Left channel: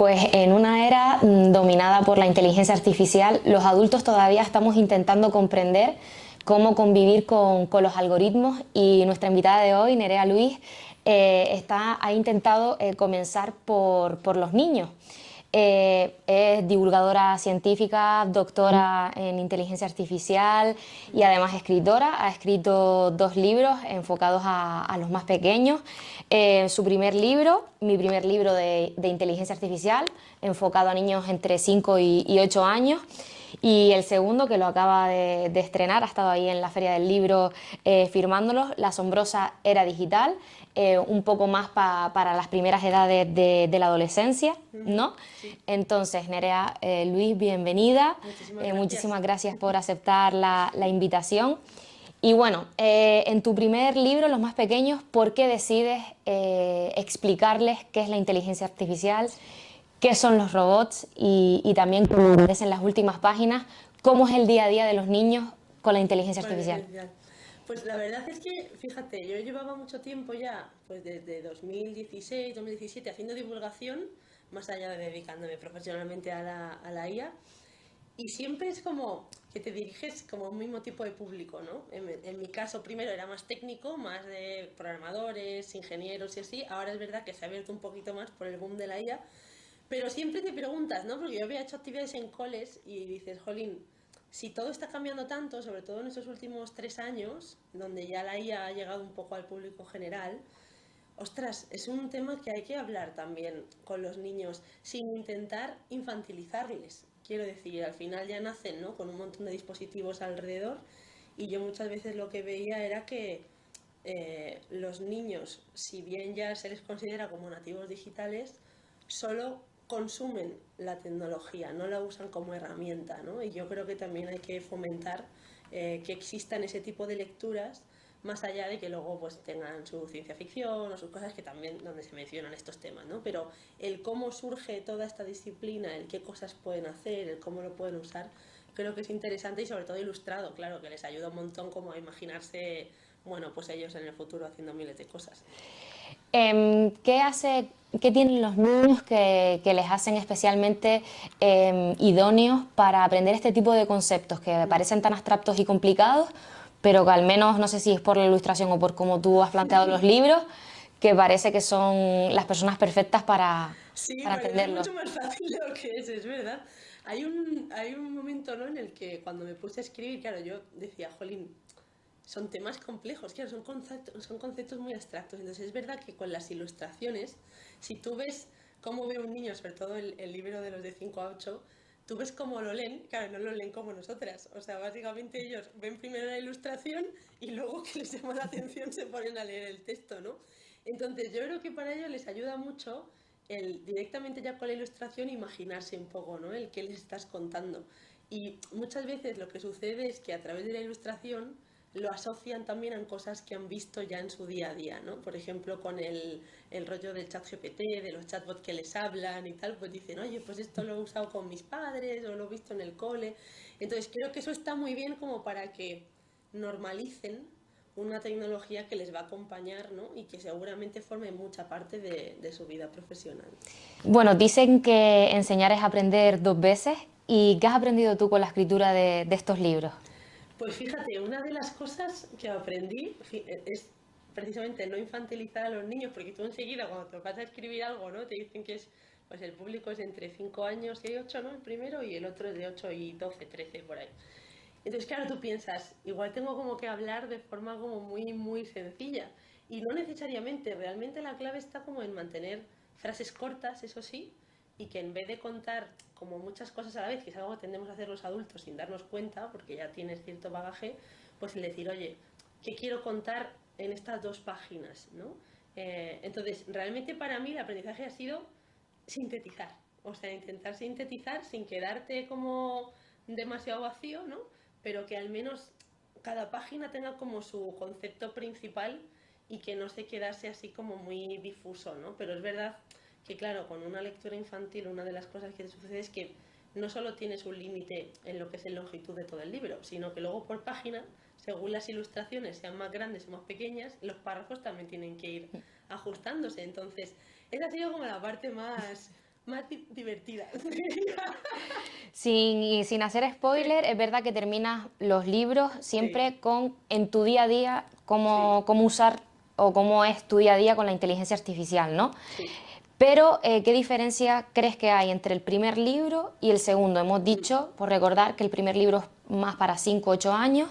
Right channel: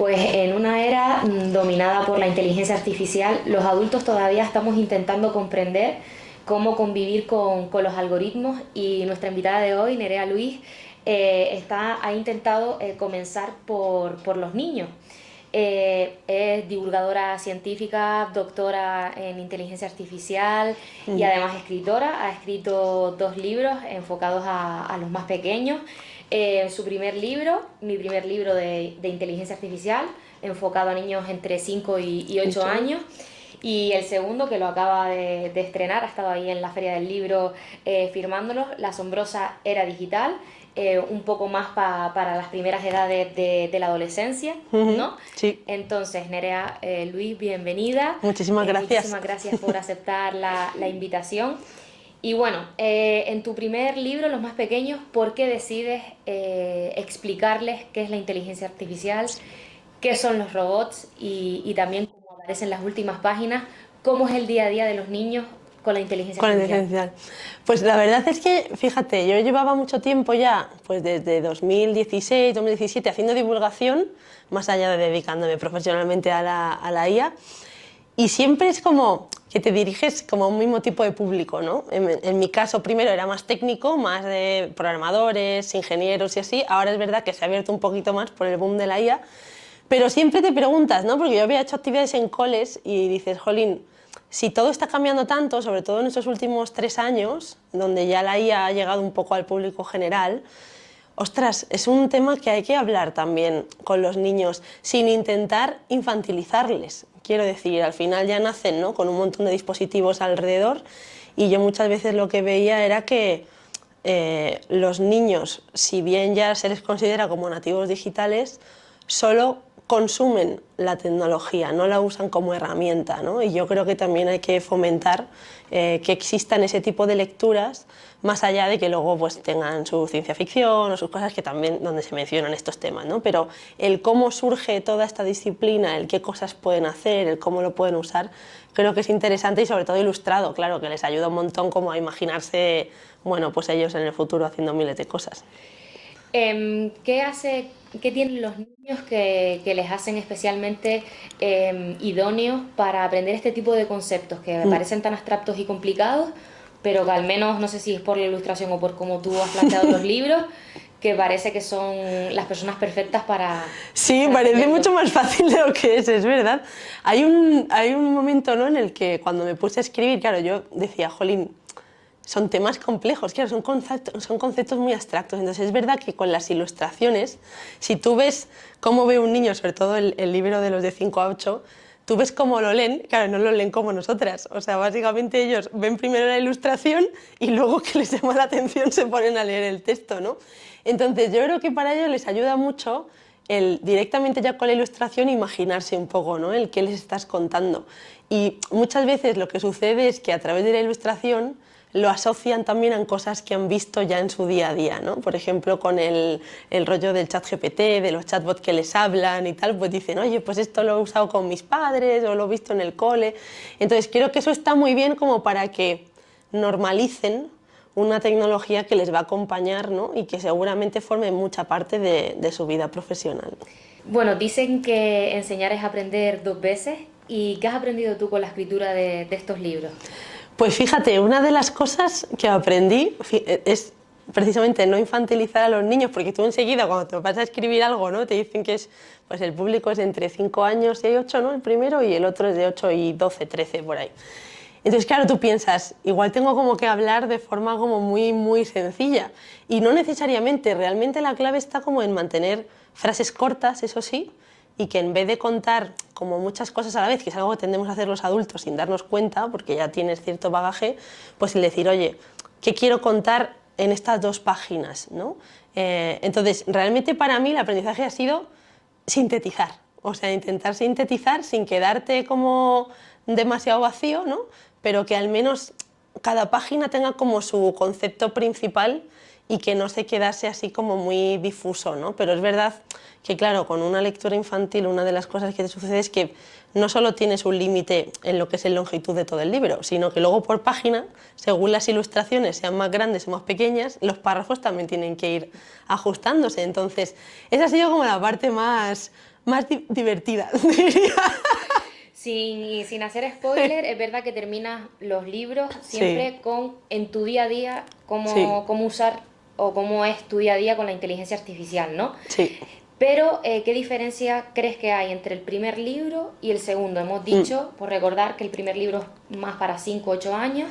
Pues en una era dominada por la inteligencia artificial, los adultos todavía estamos intentando comprender cómo convivir con los algoritmos, y nuestra invitada de hoy, Nerea Luis, ha intentado comenzar por los niños. Es divulgadora científica, doctora en inteligencia artificial y además escritora. Ha escrito 2 libros enfocados a los más pequeños. Su primer libro, mi primer libro de inteligencia artificial, enfocado a niños entre 5 y 8 años. Y el segundo, que lo acaba de estrenar, ha estado ahí en la Feria del Libro firmándolo, La asombrosa era digital, un poco más para las primeras edades de la adolescencia, ¿no? Sí. Entonces, Nerea Luis, bienvenida. Muchísimas gracias. Muchísimas gracias por aceptar la invitación. Y bueno, en tu primer libro, Los más pequeños, ¿por qué decides explicarles qué es la inteligencia artificial, qué son los robots y también, como aparece en las últimas páginas, cómo es el día a día de los niños con la inteligencia artificial? Pues la verdad es que, fíjate, yo llevaba mucho tiempo ya, pues desde 2016, 2017, haciendo divulgación, más allá de dedicándome profesionalmente a la IA, y siempre es como que te diriges como a un mismo tipo de público, ¿no? En mi caso, primero era más técnico, más de programadores, ingenieros y así. Ahora es verdad que se ha abierto un poquito más por el boom de la IA, pero siempre te preguntas, ¿no? Porque yo había hecho actividades en coles y dices, jolín, si todo está cambiando tanto, sobre todo en estos últimos 3 años, donde ya la IA ha llegado un poco al público general, ostras, es un tema que hay que hablar también con los niños, sin intentar infantilizarles. Quiero decir, al final ya nacen, ¿no?, con un montón de dispositivos alrededor, y yo muchas veces lo que veía era que los niños, si bien ya se les considera como nativos digitales, solo consumen la tecnología, no la usan como herramienta, ¿no? Y yo creo que también hay que fomentar que existan ese tipo de lecturas, más allá de que luego pues tengan su ciencia ficción o sus cosas que también donde se mencionan estos temas, ¿no? Pero el cómo surge toda esta disciplina, el qué cosas pueden hacer, el cómo lo pueden usar, creo que es interesante y sobre todo ilustrado, claro, que les ayuda un montón como a imaginarse, bueno, pues ellos en el futuro haciendo miles de cosas. ¿Qué tienen los niños que les hacen especialmente idóneos para aprender este tipo de conceptos que parecen tan abstractos y complicados, pero que al menos, no sé si es por la ilustración o por cómo tú has planteado los libros, que parece que son las personas perfectas para... Sí, para parece aprenderlo? mucho más fácil de lo que es verdad. Hay un momento, ¿no?, en el que cuando me puse a escribir, claro, yo decía, jolín, son temas complejos, claro, son conceptos muy abstractos. Entonces es verdad que con las ilustraciones, si tú ves cómo ve un niño, sobre todo el libro de los de 5 a 8, tú ves cómo lo leen, claro, no lo leen como nosotras. O sea, básicamente ellos ven primero la ilustración y luego que les llama la atención se ponen a leer el texto, ¿no? Entonces yo creo que para ellos les ayuda mucho el directamente ya con la ilustración imaginarse un poco, ¿no?, el qué les estás contando. Y muchas veces lo que sucede es que a través de la ilustración lo asocian también a cosas que han visto ya en su día a día, ¿no? Por ejemplo, con el rollo del chat GPT, de los chatbots que les hablan y tal, pues dicen, oye, pues esto lo he usado con mis padres o lo he visto en el cole. Entonces creo que eso está muy bien como para que normalicen una tecnología que les va a acompañar, ¿no?, y que seguramente forme mucha parte de su vida profesional. Bueno, dicen que enseñar es aprender 2 veces. ¿Y qué has aprendido tú con la escritura de estos libros? Pues fíjate, una de las cosas que aprendí es precisamente no infantilizar a los niños, porque tú enseguida cuando te vas a escribir algo, ¿no?, te dicen que es, pues el público es entre 5 años y 8, ¿no?, el primero, y el otro es de 8 y 12, 13, por ahí. Entonces, claro, tú piensas, igual tengo como que hablar de forma como muy sencilla, y no necesariamente, realmente la clave está como en mantener frases cortas, eso sí, y que en vez de contar como muchas cosas a la vez, que es algo que tendemos a hacer los adultos sin darnos cuenta, porque ya tienes cierto bagaje, pues el decir, oye, ¿qué quiero contar en estas 2 páginas?, ¿no? Entonces, realmente para mí el aprendizaje ha sido sintetizar, o sea, intentar sintetizar sin quedarte como demasiado vacío, ¿no?, pero que al menos cada página tenga como su concepto principal y que no se quedase así como muy difuso, ¿no? Pero es verdad que, claro, con una lectura infantil una de las cosas que te sucede es que no solo tienes un límite en lo que es la longitud de todo el libro, sino que luego por página, según las ilustraciones sean más grandes o más pequeñas, los párrafos también tienen que ir ajustándose. Entonces, esa ha sido como la parte más más divertida, diría. Sin hacer spoiler, es verdad que terminas los libros siempre con, en tu día a día, cómo usar o cómo es tu día a día con la inteligencia artificial, ¿no? Sí. Pero, ¿qué diferencia crees que hay entre el primer libro y el segundo? Hemos dicho, por recordar, que el primer libro es más para 5 o 8 años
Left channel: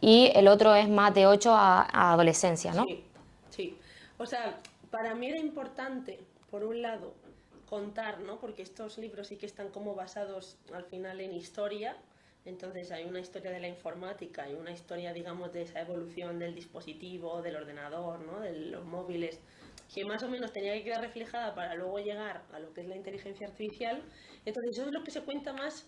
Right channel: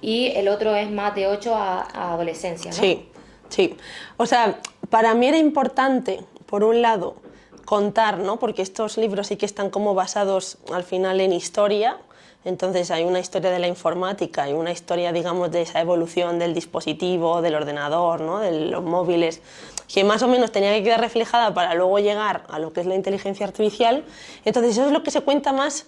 y el otro es más de 8 a adolescencia, ¿no? Sí, sí. O sea, para mí era importante, por un lado, contar, ¿no? Porque estos libros sí que están como basados al final en historia. Entonces hay una historia de la informática y una historia, digamos, de esa evolución del dispositivo, del ordenador, ¿no? De los móviles, que más o menos tenía que quedar reflejada para luego llegar a lo que es la inteligencia artificial. Entonces eso es lo que se cuenta más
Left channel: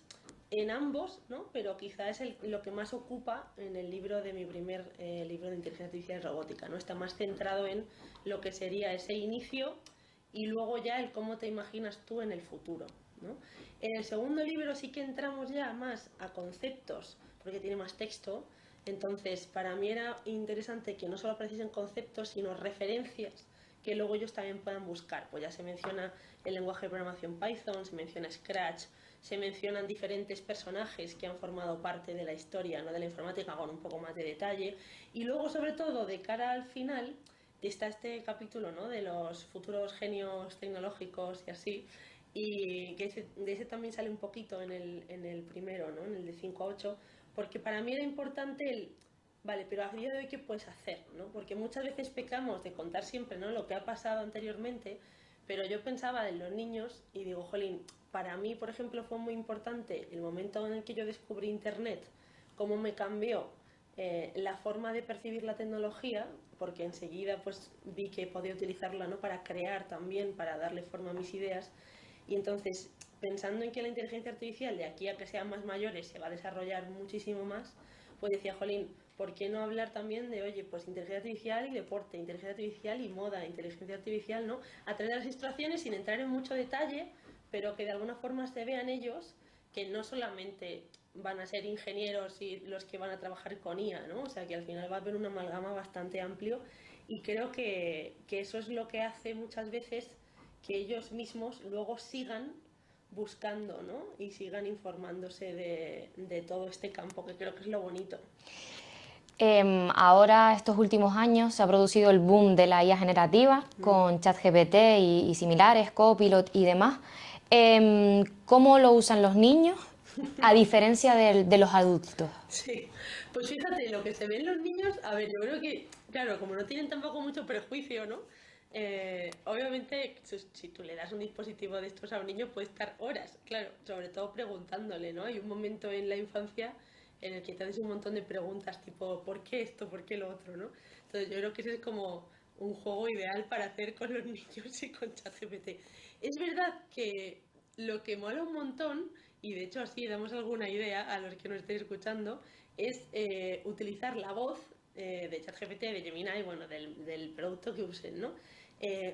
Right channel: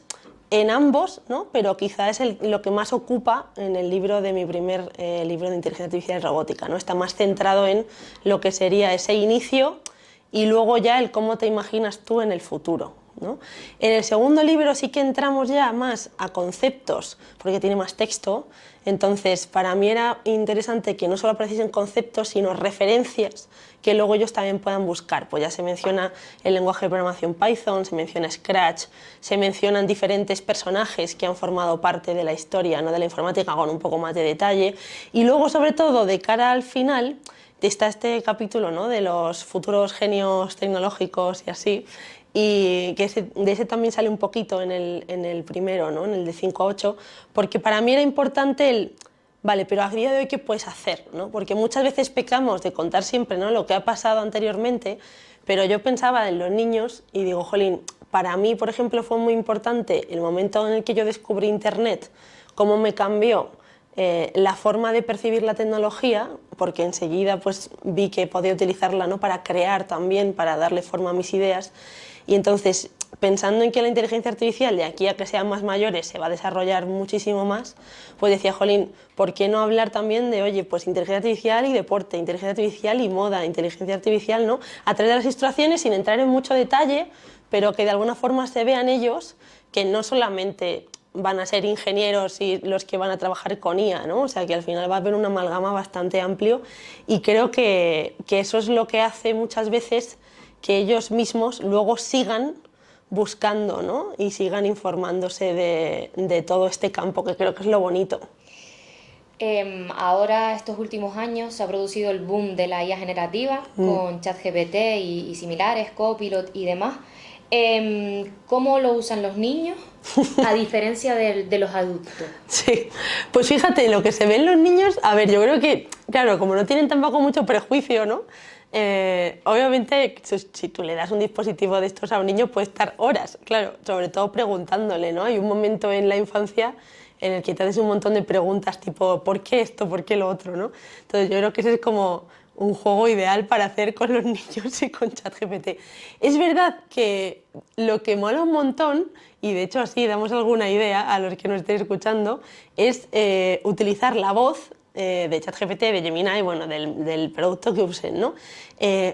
en ambos, ¿no? Pero quizá es lo que más ocupa en el libro de mi primer libro de inteligencia artificial y robótica, ¿no? Está más centrado en lo que sería ese inicio y luego ya el cómo te imaginas tú en el futuro, ¿no? En el segundo libro sí que entramos ya más a conceptos, porque tiene más texto. Entonces, para mí era interesante que no solo apareciesen conceptos, sino referencias que luego ellos también puedan buscar. Pues ya se menciona el lenguaje de programación Python, se menciona Scratch, se mencionan diferentes personajes que han formado parte de la historia, ¿no? De la informática, con un poco más de detalle. Y luego, sobre todo, de cara al final, está este capítulo, ¿no? De los futuros genios tecnológicos y así, y que de ese también sale un poquito en el primero, ¿no? En el de 5 a 8, porque para mí era importante el, vale, pero a día de hoy ¿qué puedes hacer? ¿No? Porque muchas veces pecamos de contar siempre, ¿no? Lo que ha pasado anteriormente, pero yo pensaba en los niños y digo, jolín, para mí, por ejemplo, fue muy importante el momento en el que yo descubrí Internet, cómo me cambió la forma de percibir la tecnología, porque enseguida pues, vi que podía utilizarla, ¿no? Para crear también, para darle forma a mis ideas. Y entonces, pensando en que la inteligencia artificial de aquí a que sean más mayores se va a desarrollar muchísimo más, pues decía, jolín, ¿por qué no hablar también de, oye, pues inteligencia artificial y deporte, inteligencia artificial y moda, inteligencia artificial, ¿no? A través de las ilustraciones, sin entrar en mucho detalle, pero que de alguna forma se vean ellos que no solamente van a ser ingenieros y los que van a trabajar con IA, ¿no? O sea, que al final va a haber una amalgama bastante amplio y creo que eso es lo que hace muchas veces que ellos mismos luego sigan buscando, ¿no? Y sigan informándose de todo este campo, que creo que es lo bonito. Ahora, estos últimos años, se ha producido el boom de la IA generativa con ChatGPT y similares, Copilot y demás. ¿Cómo lo usan los niños a diferencia de los adultos? Sí, pues fíjate, lo que se ve en los niños, a ver, yo creo que, claro, como no tienen tampoco mucho prejuicio, ¿no? Obviamente, si tú le das un dispositivo de estos a un niño, puede estar horas, claro, sobre todo preguntándole, ¿no? Hay un momento en la infancia en el que te haces un montón de preguntas tipo, ¿por qué esto? ¿Por qué lo otro? ¿No? Entonces yo creo que ese es como un juego ideal para hacer con los niños y con ChatGPT. Es verdad que lo que mola un montón, y de hecho así damos alguna idea a los que nos estén escuchando, es utilizar la voz de ChatGPT, de Gemini, bueno, del producto que usen, ¿no?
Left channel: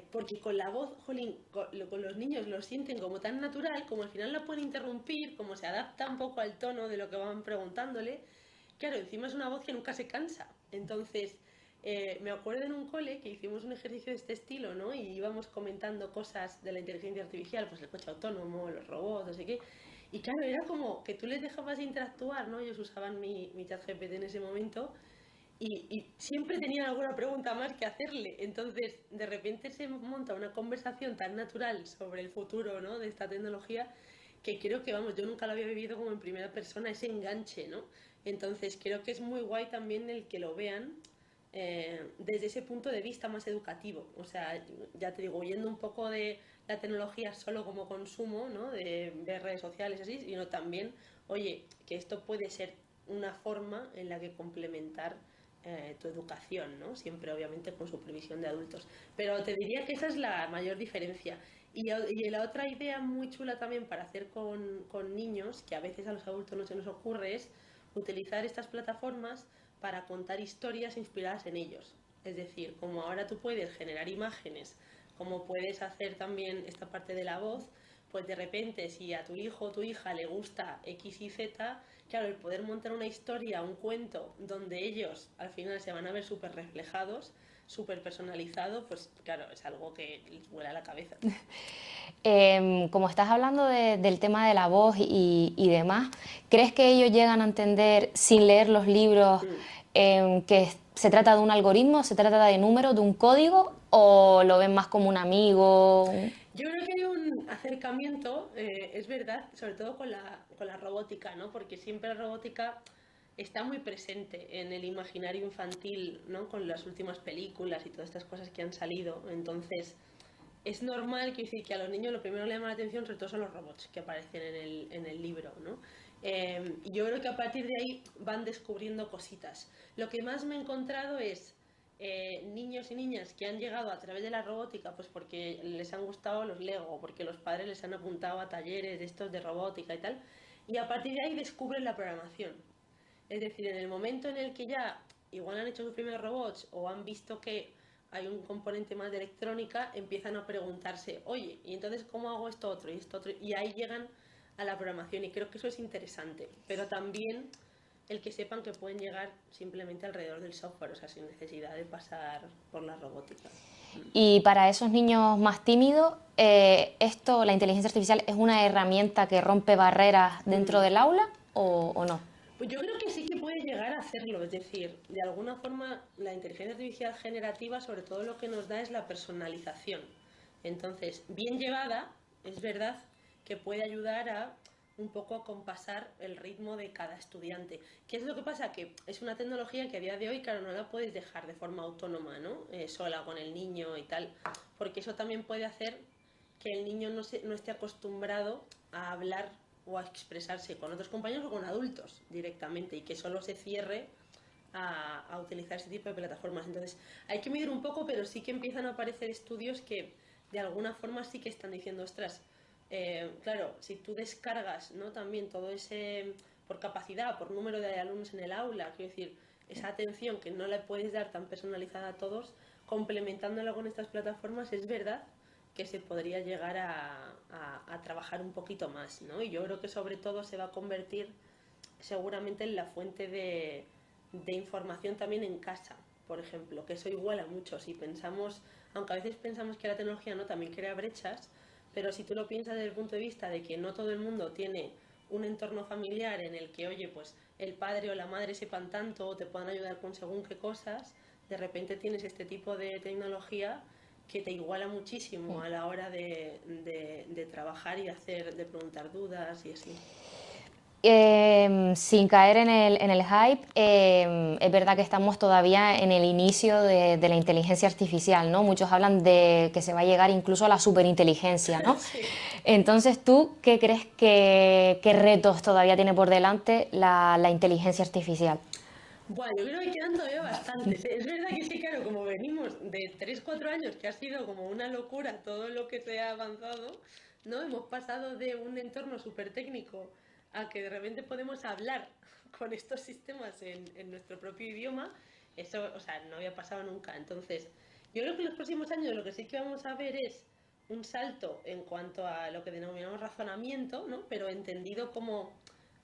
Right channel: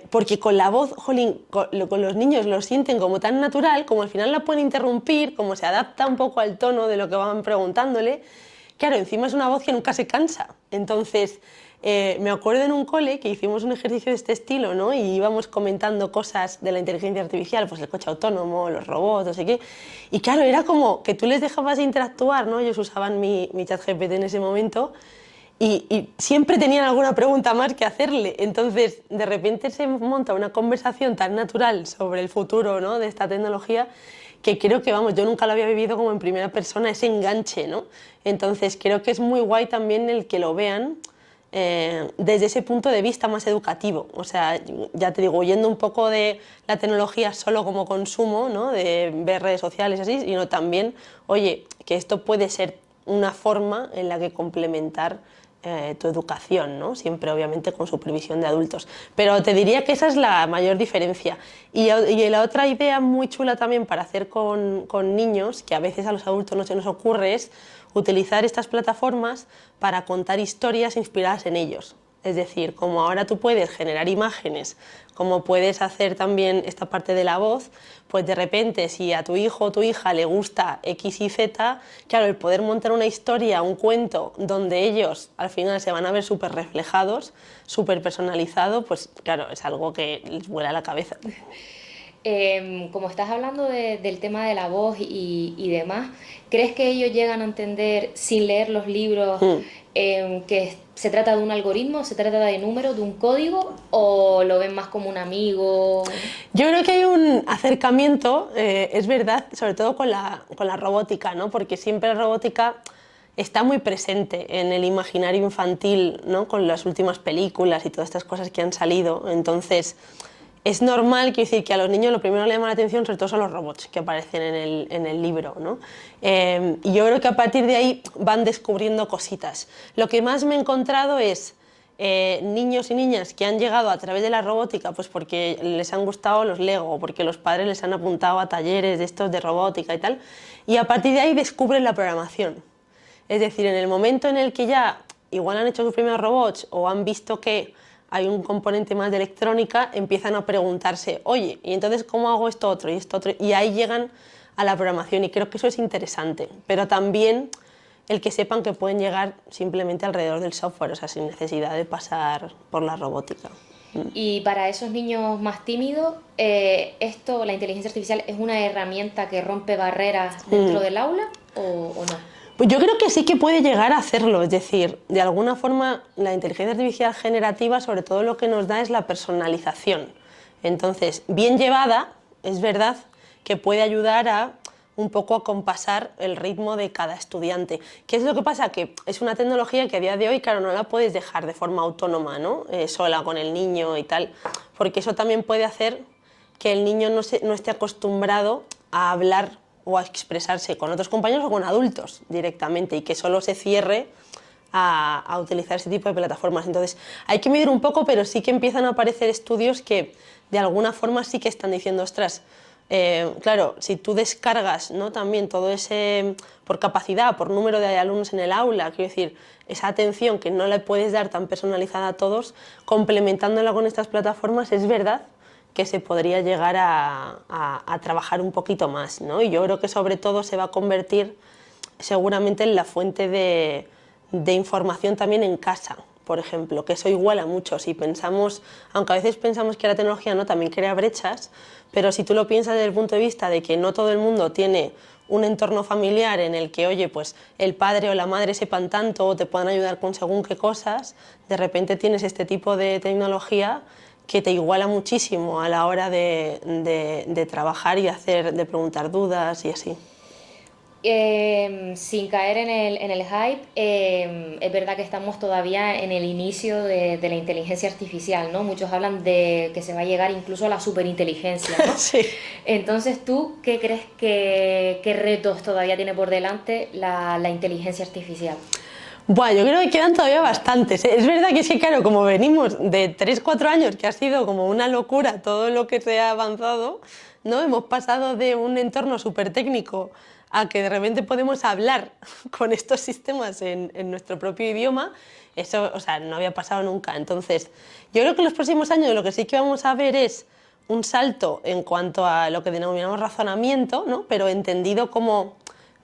Porque con la voz, jolín, con los niños lo sienten como tan natural, como al final la pueden interrumpir, como se adapta un poco al tono de lo que van preguntándole. Claro, encima es una voz que nunca se cansa. Entonces, me acuerdo en un cole que hicimos un ejercicio de este estilo, ¿no? Y íbamos comentando cosas de la inteligencia artificial, pues el coche autónomo, los robots, no sé qué. Y claro, era como que tú les dejabas interactuar, ¿no? Ellos usaban mi ChatGPT en ese momento y siempre tenían alguna pregunta más que hacerle. Entonces, de repente se monta una conversación tan natural sobre el futuro, ¿no? De esta tecnología que creo que, vamos, yo nunca lo había vivido como en primera persona, ese enganche, ¿no? Entonces, creo que es muy guay también el que lo vean desde ese punto de vista más educativo. O sea, ya te digo, huyendo un poco de la tecnología solo como consumo, ¿no? De ver redes sociales y así, sino también, oye, que esto puede ser una forma en la que complementar tu educación, ¿no? Siempre obviamente con supervisión de adultos. Pero te diría que esa es la mayor diferencia. Y la otra idea muy chula también para hacer con niños, que a veces a los adultos no se nos ocurre, es utilizar estas plataformas para contar historias inspiradas en ellos. Es decir, como ahora tú puedes generar imágenes, como puedes hacer también esta parte de la voz, pues de repente si a tu hijo o tu hija le gusta X y Z, claro, el poder montar una historia, un cuento, donde ellos al final se van a ver súper reflejados, súper personalizado, pues claro, es algo que les vuela la cabeza. Como estás hablando del tema de la voz y demás, ¿crees que ellos llegan a entender sin leer los libros que se trata de un algoritmo, se trata de números, de un código, o lo ven más como un amigo? Yo creo que hay un acercamiento, es verdad, sobre todo con la robótica, ¿no? Porque siempre la robótica está muy presente en el imaginario infantil, ¿no? Con las últimas películas y todas estas cosas que han salido. Entonces, es normal, quiero decir, que a los niños lo primero que le llama la atención sobre todo son los robots que aparecen en el libro, ¿no? Y yo creo que a partir de ahí van descubriendo cositas. Lo que más me he encontrado es niños y niñas que han llegado a través de la robótica pues porque les han gustado los Lego, porque los padres les han apuntado a talleres de estos de robótica y tal, y a partir de ahí descubren la programación. Es decir, en el momento en el que ya igual han hecho sus primeros robots o han visto que hay un componente más de electrónica, empiezan a preguntarse, oye, ¿y entonces cómo hago esto otro y esto otro? Y ahí llegan a la programación y creo que eso es interesante, pero también el que sepan que pueden llegar simplemente alrededor del software, o sea, sin necesidad de pasar por la robótica. Y para esos niños más tímidos, la inteligencia artificial, ¿es una herramienta que rompe barreras dentro del aula o no? Pues yo creo que sí que puede llegar a hacerlo, es decir, de alguna forma la inteligencia artificial generativa sobre todo lo que nos da es la personalización. Entonces, bien llevada, es verdad que puede ayudar a un poco a compasar el ritmo de cada estudiante. ¿Qué es lo que pasa? Que es una tecnología que a día de hoy, claro, no la puedes dejar de forma autónoma, ¿no? Sola con el niño y tal, porque eso también puede hacer que el niño no esté acostumbrado a hablar o a expresarse con otros compañeros o con adultos directamente y que solo se cierre a utilizar ese tipo de plataformas. Entonces hay que medir un poco, pero sí que empiezan a aparecer estudios que de alguna forma sí que están diciendo, ostras, claro, si tú descargas, ¿no? También todo ese, por capacidad, por número de alumnos en el aula, quiero decir, esa atención que no le puedes dar tan personalizada a todos, complementándola con estas plataformas, es verdad que se podría llegar a trabajar un poquito más, ¿no? Y yo creo que sobre todo se va a convertir seguramente en la fuente de información también en casa, por ejemplo, que eso iguala mucho. Si pensamos, aunque a veces pensamos que la tecnología no también crea brechas, pero si tú lo piensas desde el punto de vista de que no todo el mundo tiene un entorno familiar en el que, oye, pues el padre o la madre sepan tanto o te puedan ayudar con según qué cosas, de repente tienes este tipo de tecnología que te iguala muchísimo a la hora de trabajar y de preguntar dudas y así. Sin caer en el hype, es verdad que estamos todavía en el inicio de la inteligencia artificial, ¿no? Muchos hablan de que se va a llegar incluso a la superinteligencia, ¿no? Sí. Entonces, ¿tú qué crees qué retos todavía tiene por delante la inteligencia artificial? Bueno, yo creo que quedan todavía bastantes, ¿eh? Es verdad que es que, claro, como venimos de 3 4 años, que ha sido como una locura todo lo que se ha avanzado, ¿no? Hemos pasado de un entorno súper técnico a que de repente podemos hablar con estos sistemas en nuestro propio idioma. Eso, o sea, no había pasado nunca. Entonces, yo creo que en los próximos años lo que sí que vamos a ver es un salto en cuanto a lo que denominamos razonamiento, ¿no? Pero entendido como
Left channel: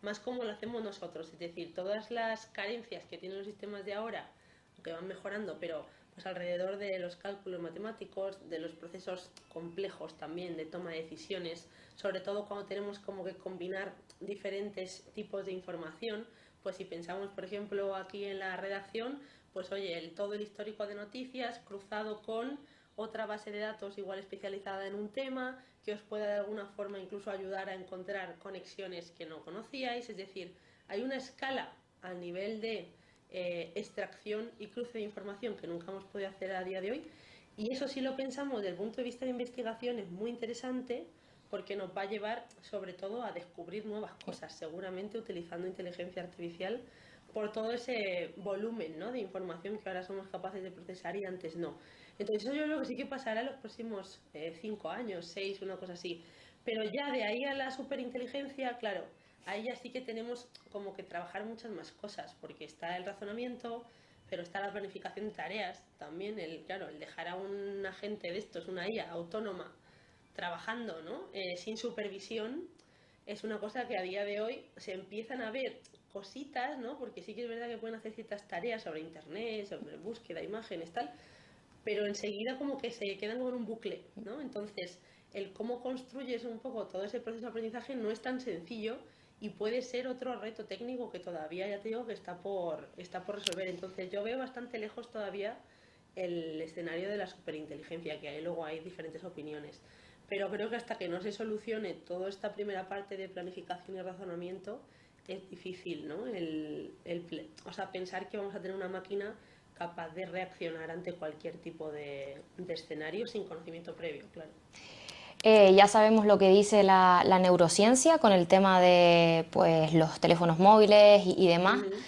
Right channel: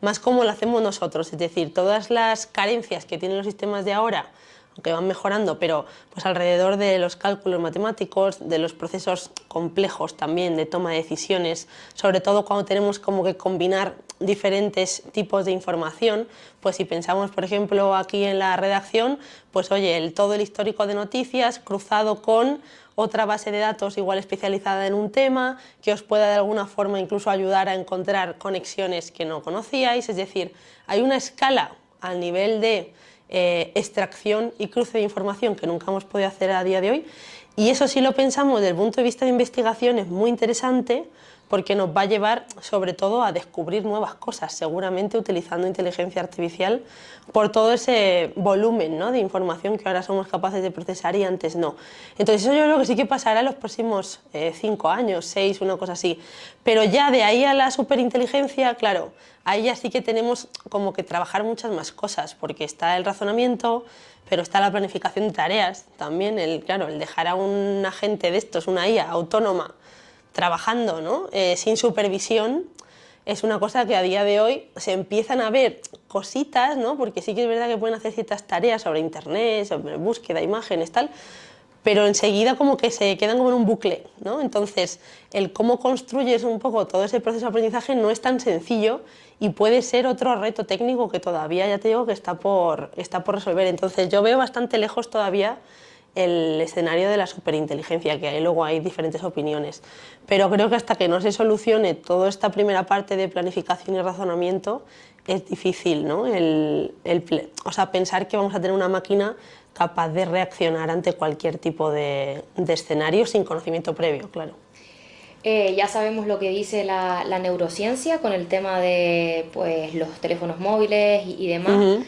más como lo hacemos nosotros, es decir, todas las carencias que tienen los sistemas de ahora, aunque van mejorando, pero pues alrededor de los cálculos matemáticos, de los procesos complejos también de toma de decisiones, sobre todo cuando tenemos como que combinar diferentes tipos de información, pues si pensamos, por ejemplo, aquí en la redacción, pues oye, todo el histórico de noticias cruzado con otra base de datos igual especializada en un tema, que os pueda de alguna forma incluso ayudar a encontrar conexiones que no conocíais, es decir, hay una escala al nivel de extracción y cruce de información que nunca hemos podido hacer a día de hoy, y eso si lo pensamos desde el punto de vista de investigación es muy interesante porque nos va a llevar sobre todo a descubrir nuevas cosas, seguramente utilizando inteligencia artificial por todo ese volumen, ¿no?, de información que ahora somos capaces de procesar y antes no. Entonces eso yo creo que sí que pasará en los próximos 5 años, 6, una cosa así. Pero ya de ahí a la superinteligencia, claro, ahí ya sí que tenemos como que trabajar muchas más cosas, porque está el razonamiento, pero está la planificación de tareas también, claro, el dejar a un agente de estos, una IA autónoma, trabajando, ¿no?, sin supervisión, es una cosa que a día de hoy se empiezan a ver cositas, ¿no?, porque sí que es verdad que pueden hacer ciertas tareas sobre internet, sobre búsqueda de imágenes, tal, pero enseguida como que se quedan como en un bucle, ¿no? Entonces, el cómo construyes un poco todo ese proceso de aprendizaje no es tan sencillo y puede ser otro reto técnico que todavía, ya te digo, que está por resolver. Entonces, yo veo bastante lejos todavía el escenario de la superinteligencia, que ahí luego hay diferentes opiniones. Pero creo que hasta que no se solucione toda esta primera parte de planificación y razonamiento, es difícil, ¿no? O sea, pensar que vamos a tener una máquina capaz de reaccionar ante cualquier tipo de escenario sin conocimiento previo, claro. Ya sabemos lo que dice la neurociencia con el tema de pues, los teléfonos móviles y demás,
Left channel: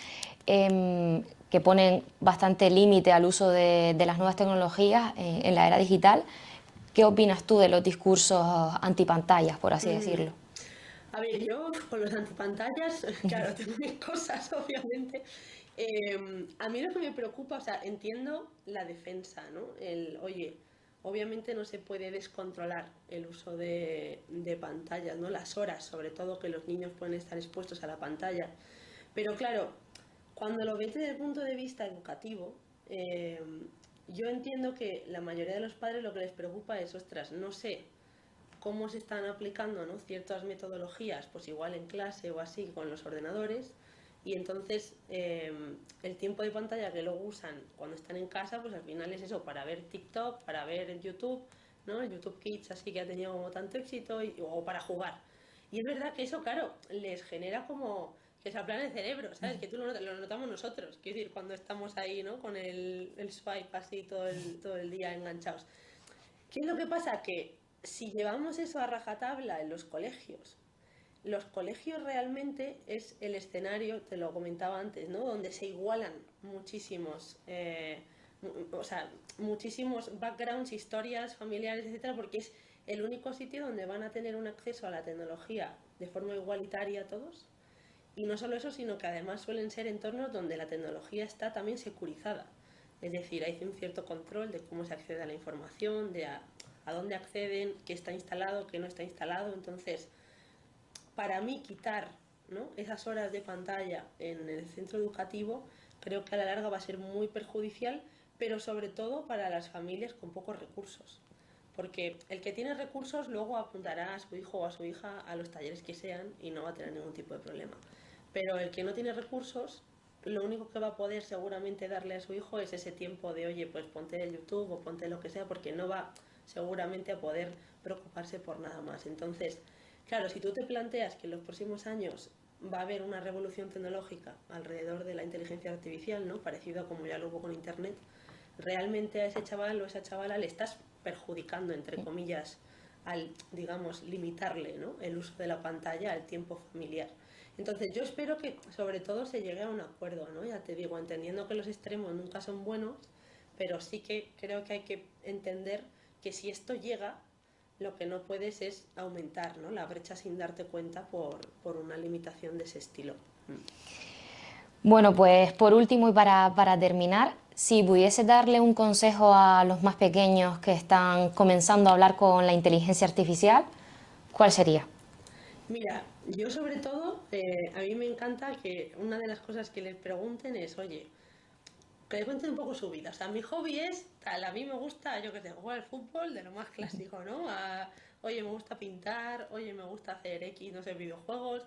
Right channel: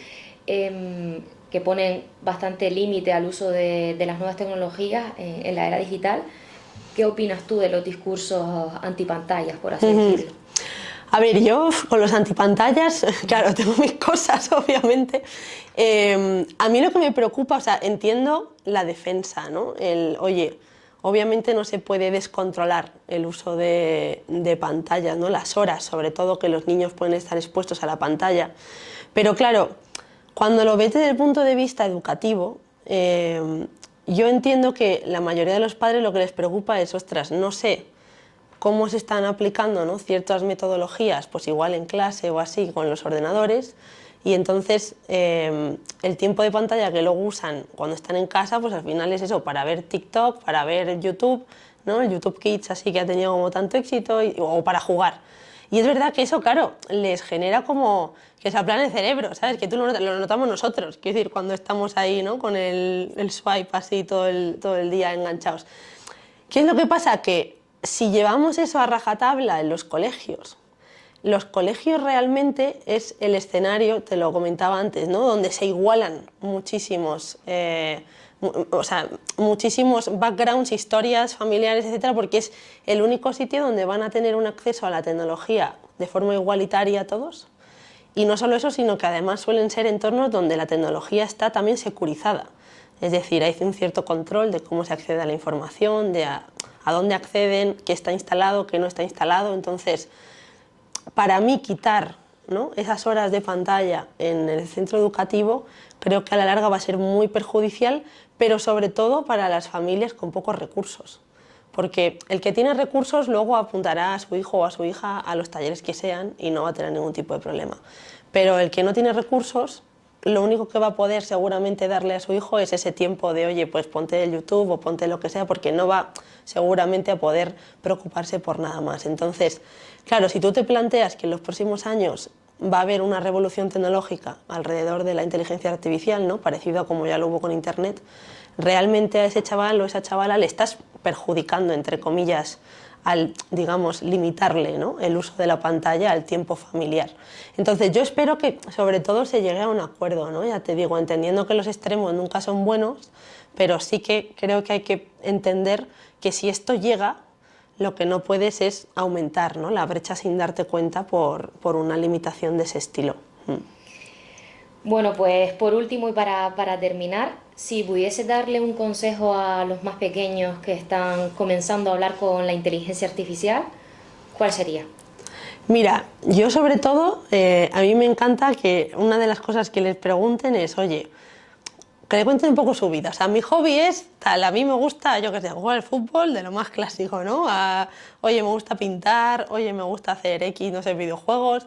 que ponen bastante límite al uso de las nuevas tecnologías en la era digital. ¿Qué opinas tú de los discursos antipantallas, por así decirlo? A ver, yo con los antipantallas, claro, tengo mis cosas, obviamente. A mí lo que me preocupa, o sea, entiendo la defensa, ¿no? Oye, obviamente no se puede descontrolar el uso de pantallas, ¿no? Las horas, sobre todo, que los niños pueden estar expuestos a la pantalla. Pero claro, cuando lo ves desde el punto de vista educativo, yo entiendo que la mayoría de los padres lo que les preocupa es, ostras, no sé cómo se están aplicando, ¿no?, ciertas metodologías, pues igual en clase o así con los ordenadores, y entonces el tiempo de pantalla que luego usan cuando están en casa, pues al final es eso, para ver TikTok, para ver YouTube, ¿no?, el YouTube Kids así que ha tenido como tanto éxito, o para jugar. Y es verdad que eso, claro, les genera como que se aplane el cerebro, ¿sabes? Que tú lo notamos nosotros, quiero decir, cuando estamos ahí, ¿no?, con el swipe así todo el día enganchados. ¿Qué es lo que pasa? Que si llevamos eso a rajatabla en los colegios realmente es el escenario, te lo comentaba antes, ¿no?, donde se igualan muchísimos, o sea, muchísimos backgrounds, historias familiares, etcétera, porque es el único sitio donde van a tener un acceso a la tecnología de forma igualitaria todos. Y no solo eso, sino que además suelen ser entornos donde la tecnología está también securizada. Es decir, hay un cierto control de cómo se accede a la información, de a dónde acceden, qué está instalado, qué no está instalado. Entonces, para mí quitar, ¿no?, esas horas de pantalla en el centro educativo creo que a la larga va a ser muy perjudicial, pero sobre todo para las familias con pocos recursos. Porque el que tiene recursos luego apuntará a su hijo o a su hija a los talleres que sean y no va a tener ningún tipo de problema. Pero el que no tiene recursos, lo único que va a poder seguramente darle a su hijo es ese tiempo de, oye, pues ponte el YouTube o ponte lo que sea, porque no va seguramente a poder preocuparse por nada más. Entonces, claro, si tú te planteas que en los próximos años va a haber una revolución tecnológica alrededor de la inteligencia artificial, ¿no?, parecido a como ya lo hubo con Internet, realmente a ese chaval o esa chavala le estás perjudicando, entre comillas, al, digamos, limitarle, ¿no?, el uso de la pantalla al tiempo familiar. Entonces yo espero que sobre todo se llegue a un acuerdo, ¿no?, ya te digo, entendiendo que los extremos nunca son buenos, pero sí que creo que hay que entender que si esto llega, lo que no puedes es aumentar, ¿no?, la brecha sin darte cuenta por una limitación de ese estilo. Bueno, pues por último y para terminar, si pudiese darle un consejo a los más pequeños que están comenzando a hablar con la inteligencia artificial, ¿cuál sería? Mira, yo sobre todo, a mí me encanta que una de las cosas que les pregunten es, oye, que le cuenten un poco su vida. O sea, mi hobby es tal, a mí me gusta, yo qué sé, jugar al fútbol, de lo más clásico, ¿no? Oye, me gusta pintar, oye, me gusta hacer X, no sé, videojuegos.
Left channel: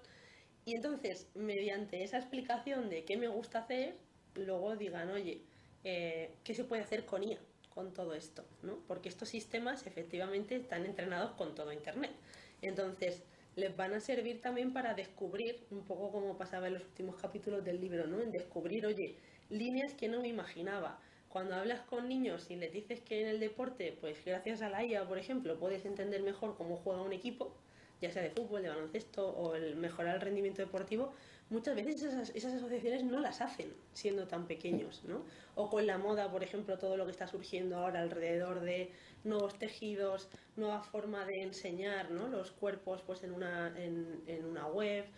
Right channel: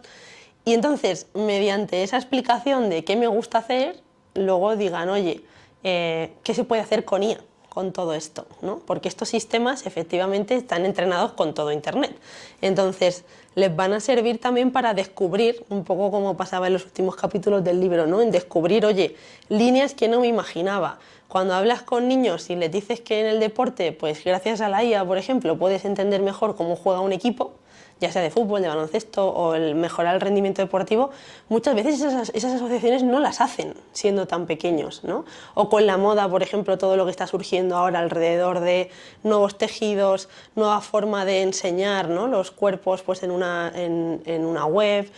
Y entonces, mediante esa explicación de qué me gusta hacer, luego digan, oye, ¿qué se puede hacer con IA, con todo esto, ¿no? Porque estos sistemas efectivamente están entrenados con todo Internet. Entonces, les van a servir también para descubrir, un poco como pasaba en los últimos capítulos del libro, ¿no?, en descubrir, oye, líneas que no me imaginaba. Cuando hablas con niños y les dices que en el deporte, pues gracias a la IA, por ejemplo, puedes entender mejor cómo juega un equipo, ya sea de fútbol, de baloncesto o el mejorar el rendimiento deportivo, muchas veces esas asociaciones no las hacen siendo tan pequeños, ¿no? O con la moda, por ejemplo, todo lo que está surgiendo ahora alrededor de nuevos tejidos, nueva forma de enseñar, ¿no?, los cuerpos pues en una web,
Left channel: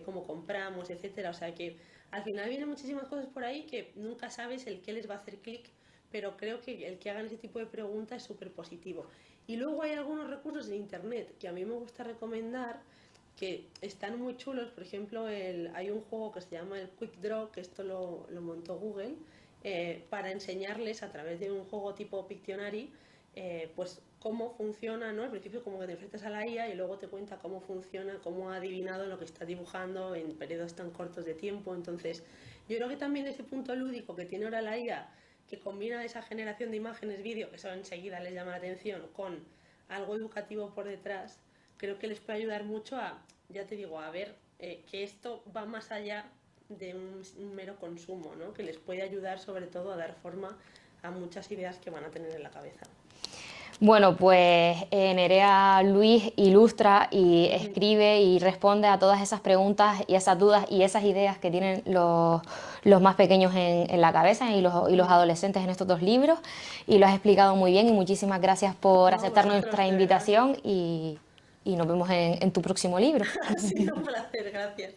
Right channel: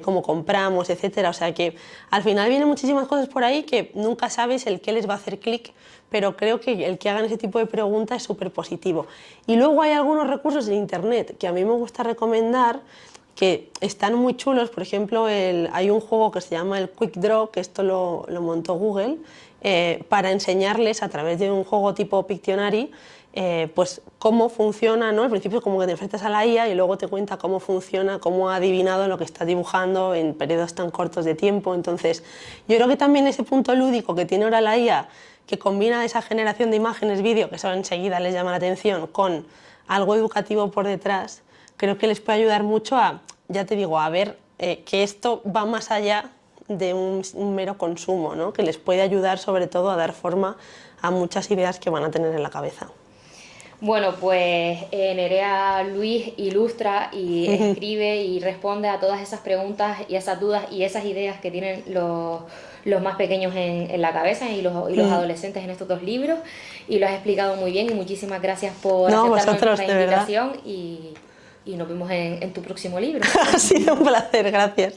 cómo compramos, etcétera. O sea que al final vienen muchísimas cosas por ahí que nunca sabes el qué les va a hacer clic, pero creo que el que hagan ese tipo de preguntas es súper positivo. Y luego hay algunos recursos en Internet que a mí me gusta recomendar, que están muy chulos. Por ejemplo, hay un juego que se llama el Quick Draw, que esto lo montó Google, para enseñarles a través de un juego tipo Pictionary pues cómo funciona, ¿no? Al principio como que te enfrentas a la IA y luego te cuenta cómo funciona, cómo ha adivinado lo que está dibujando en periodos tan cortos de tiempo. Entonces, yo creo que también ese punto lúdico que tiene ahora la IA, que combina esa generación de imágenes, vídeo, que eso enseguida les llama la atención, con algo educativo por detrás, creo que les puede ayudar mucho a, ya te digo, a ver que esto va más allá de un mero consumo, ¿no? Que les puede ayudar sobre todo a dar forma a muchas ideas que van a tener en la cabeza. Bueno, pues Nerea Luis ilustra y escribe y responde a todas esas preguntas y esas dudas y esas ideas que tienen los más pequeños en la cabeza y los adolescentes en estos dos libros, y lo has explicado muy bien y muchísimas gracias por aceptar nuestra invitación y nos vemos en tu próximo libro. Ha sido un placer, gracias.